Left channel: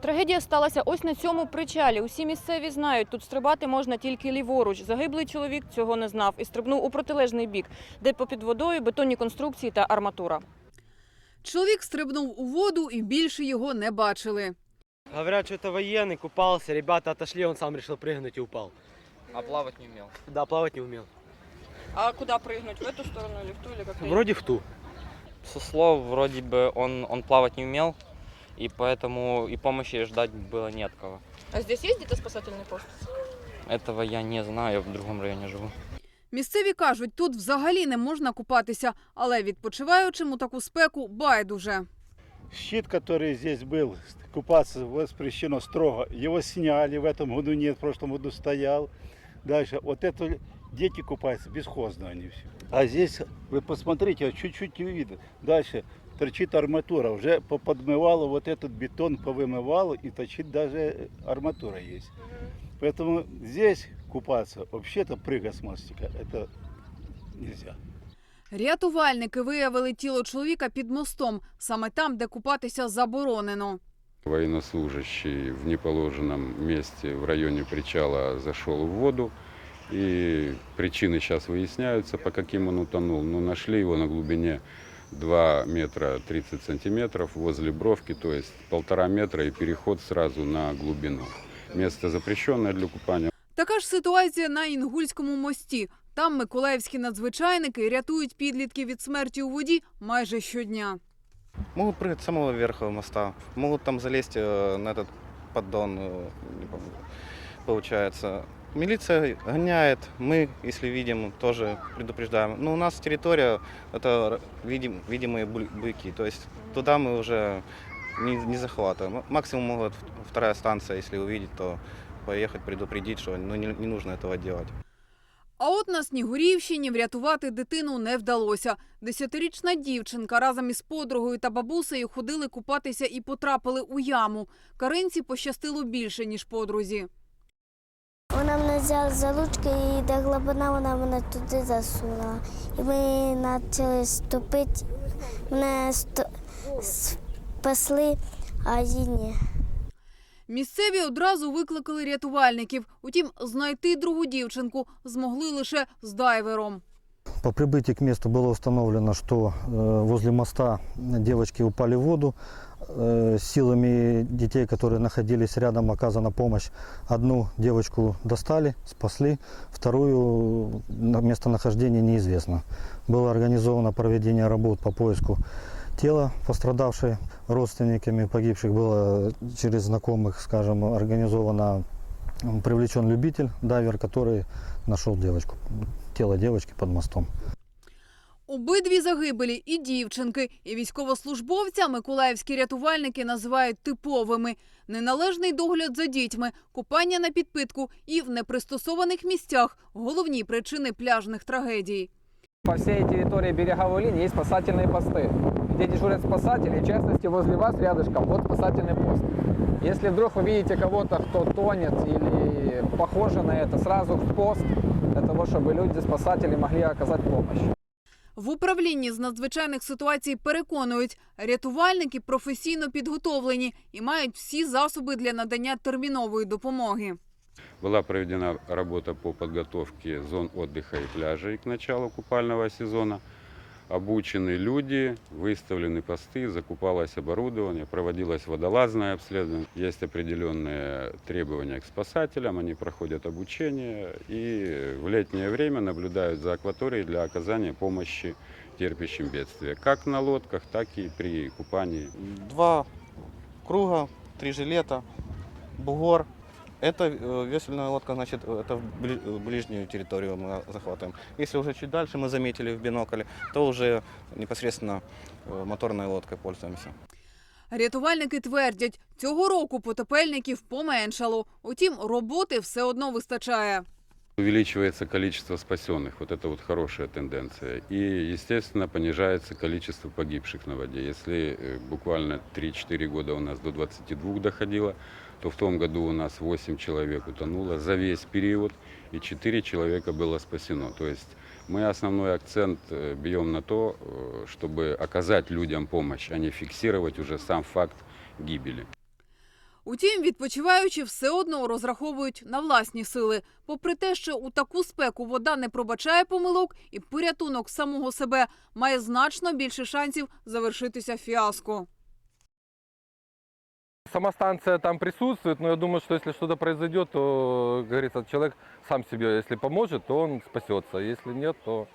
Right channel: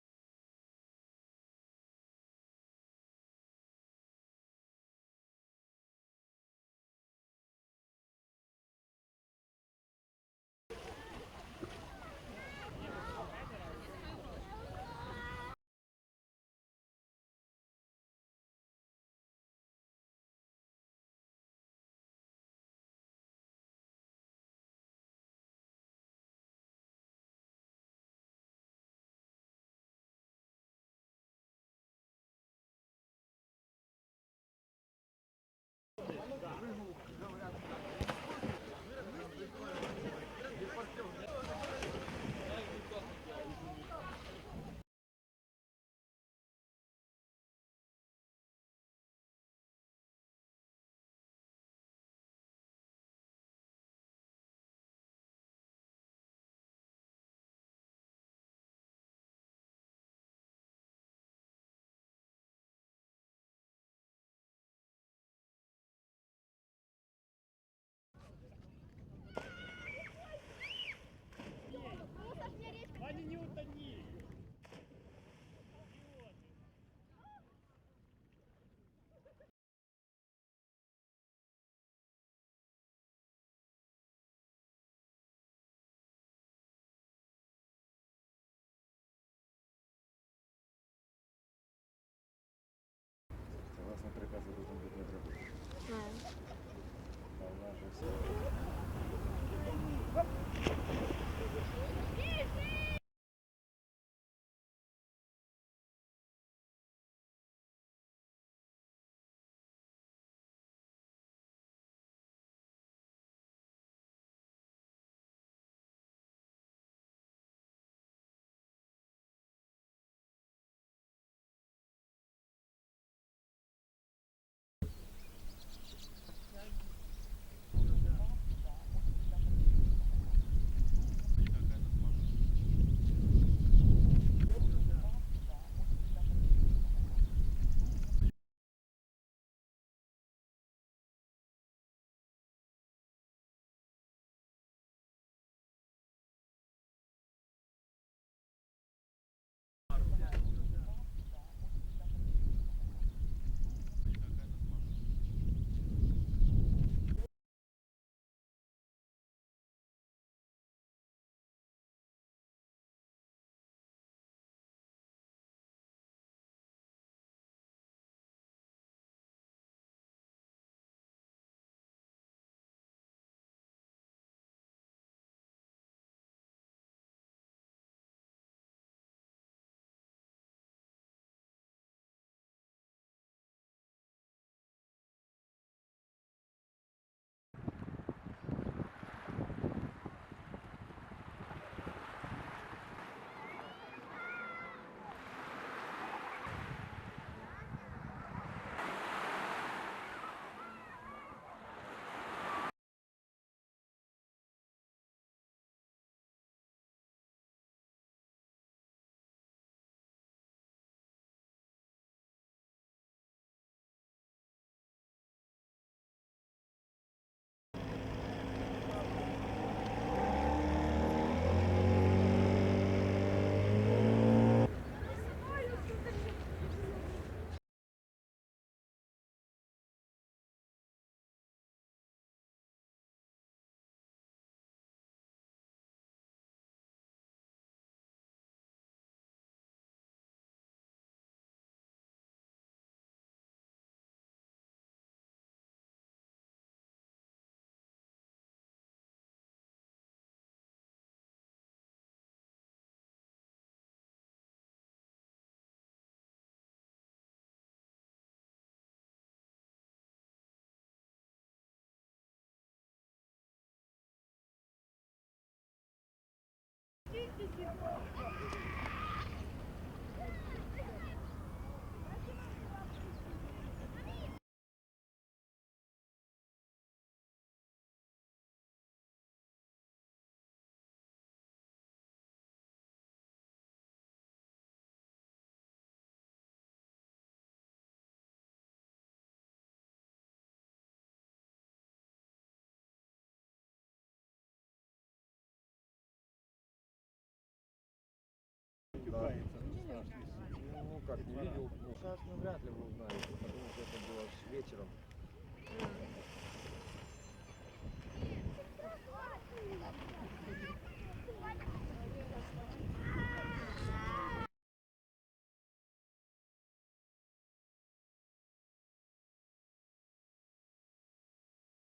Трагедія сталася ось на цьому причалі. Усі місцеві знають, тут стрибати можна тільки ліворуч. Загиблий чоловік цього не знав і стрибнув у протилежний бік, де попід водою бетонні конструкції та арматура. Чоловік стрибнув у воду і більше його не бачили. Говорят, что это военный, купался, ребята отошли, он сам решил прыгнуть и упал. А плавать не умел. Да, плавать не умел. А куди пригнути? В эту сторону или в ту, или як? Вроде в ту. Со слов вроде бы он, он плавать не умел, и поэтому и помощи ждать было не от кого. А здесь є где спасательний пост? Этого я не знаю, я в другом районе живу. Місцеві кажуть, тут взагалі не можна купатися, але відпочиваючим у таку спеку байдуже. Щит, который здесь был, купаться воспрещено строго. Его сняли, в этом году нет, в прошлом году стоял. Дальше, вот это дети купаются, бесхозно они все. А здесь, вы посмотрите, вот чуть-чуть не видно. Дальше торчит арматура, уже поподмывало вот этот бетон, повымывало, и торчит даже арматура есть. Поэтому здесь купаться, вообще-то прыгать с мостика, это нельзя. Рятувальники виявили тіло чоловіка під мостом, саме там, де купатися заборонено. Военнослужащий в неположенном месте в районе причала зашел в воду. И причины сейчас выясняются, по каким он утонул. Но нашли его на глубине 2 метра 30 сантиметров возле бровки, то есть полтора метра и переход сразу на глубину. Место запрещенное для купания. Така ж ситуація на Інгульському мості. Там миколаївські надзвичайники рятують підлітків від смерті у воді майже щодня. Могут прыгать с самого верха моста, могут там залезть э, на этот поддон, э, не помню, получается. Милиция гоняет, мы, если видим, тоже предупреждаем. Но у нас территория, это р- видим, видимые буль- быки, то есть туда мы уже не, не захватываем. М- Максимум могут в- вторая станция, если увидеть, то поехать предупредить, что ну, не, не нужно этого делать. А от на Снігурівщині врятувати дитину не вдалося. Десятирічна дівчинка разом із подругою та бабусею ходили купатися і потрапили у яму. Каринці пощастило більше, ніж подрузі. Вона мене взяла за ручки і де глибина вона мене туди засунула. І ми почали ступити. Мене сто... спасли, а її ні. Місцеві одразу викликали рятувальників. Утім, знайти другу дівчинку змогли лише з дайвером. По прибытии к месту было установлено, что э, возле моста девочки упали в воду. Э, Силами детей, которые находились рядом, оказана помощь. Одну девочку достали, спасли, вторую на- местонахождение неизвестно. Было организовано проведение работ по поиску тела пострадавшей родственниками погибших. Было через знакомых, скажем, организовано привлечен любитель, дайвер, который нашел девочку, тело девочки под мостом. Обидві загибелі і дівчинки, і військовослужбовця миколаївські рятувальники називають типовими. Неналежний догляд за дітьми, купання на підпитку і в непристосованих місцях – головні причини пляжних трагедій. По всей территории береговой линии есть спасательные посты, где дежурят спасатели, в частности, возле вас рядышком, вот спасательный пост. Если вдруг вы видите кого-то, кто тонет или похоже на это, сразу в пост, для того, чтобы люди-спасатели могли оказать помощь. В управлінні з надзвичайних ситуацій переконують, рятувальники професійно підготовлені і мають всі засоби для надання термінової допомоги. Была проведена работа по подготовке зон отдыха и пляжей к началу купального сезона Обучены люди, выставлены посты, закупалось оборудование, проводилось водолазное обследование. Есть определенные требования к спасателям, они проходят обучение и в летнее время наблюдают за акваторией для оказания помощи терпящим бедствия, как на лодках, так и при купании Два круга, три жилета, бугор. Это э, весельная лодка, значит, это в бли- э, ближнюю территорию мы захватываем. Если уже чуть дальше мы заметили в бинокле, то уже непосредственно э, моторной лодкой пользуемся. Рятувальники твердять, цього року потопельників поменшало. Утім, роботи все одно вистачає. увеличивается количество спасенных. Вот это вот хорошая тенденция. И, естественно, понижается количество погибших на воде. Если э, буквально 3-4 года у нас до 22 доходило, то в том году у нас 8 человек утонуло за весь период, и 4 человека было спасено. То есть мы основной акцент э, бьем на то, э, чтобы оказать людям помощь, а не фиксировать уже сам факт гибели. Утім, відпочиваючи все одно розраховують на власні сили. Попри те, що у таку спеку вода не пробачає помилок, і порятунок самого себе має значно більше шансів завершитися фіаско. Сама станция там присутствует, но я думаю, что если что-то произойдет, то, как говорится, человек сам себе, если поможет, то он спасется. Если нет, то